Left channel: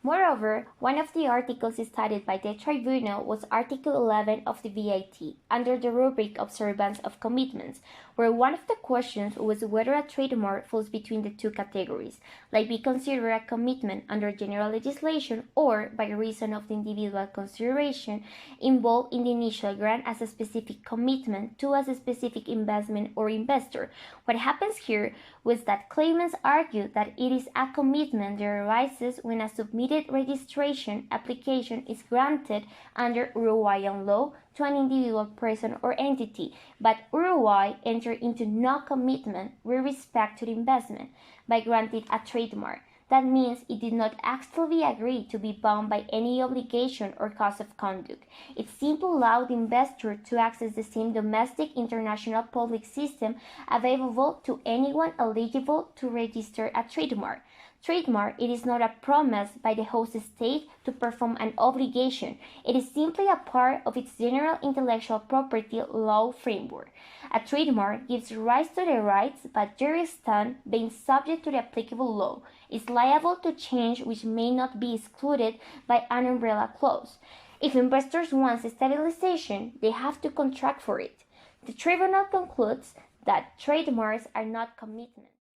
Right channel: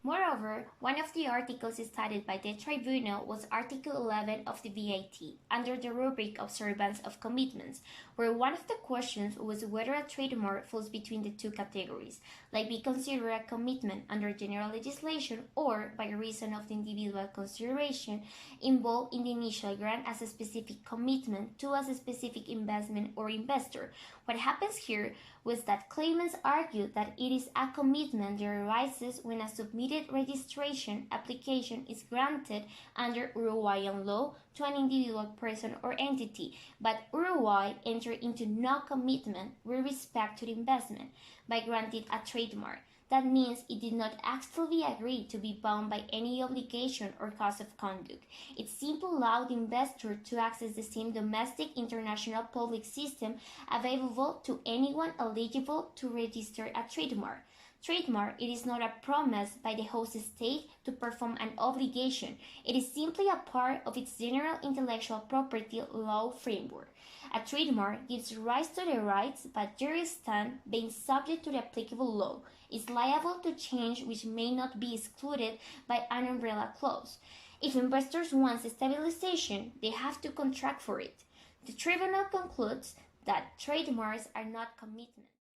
Moreover, one of the articles studied by the tribunal was Article 11 of the VAT, under the rubric Observance of Commitments, where one of the questions was whether a trademark falls between the two categories, like be considered a commitment under general legislation or, by reason of the individual consideration, involved in the initial grant as a specific commitment to a specific investment or investor. What happens here was that claimants argued that it is a commitment that arises when a submitted registration application is granted under Uruguayan law to an individual person or entity, but Uruguay entered into no commitment with respect to the investment by granting a trademark. That means it did not actively agree to be bound by any obligation or cause of conduct. It simply allowed the investor to access the same domestic international public system available to anyone eligible to register a trademark. Trademark, it is not a promise by the host state to perform an obligation. It is simply a part of its general intellectual property law framework. A trademark gives rise to the rights, but there stand being subject to the applicable law, is liable to change which may not be excluded by an umbrella clause. If investors want stabilization, they have to contract for it. The tribunal concludes that trademarks are not commitments.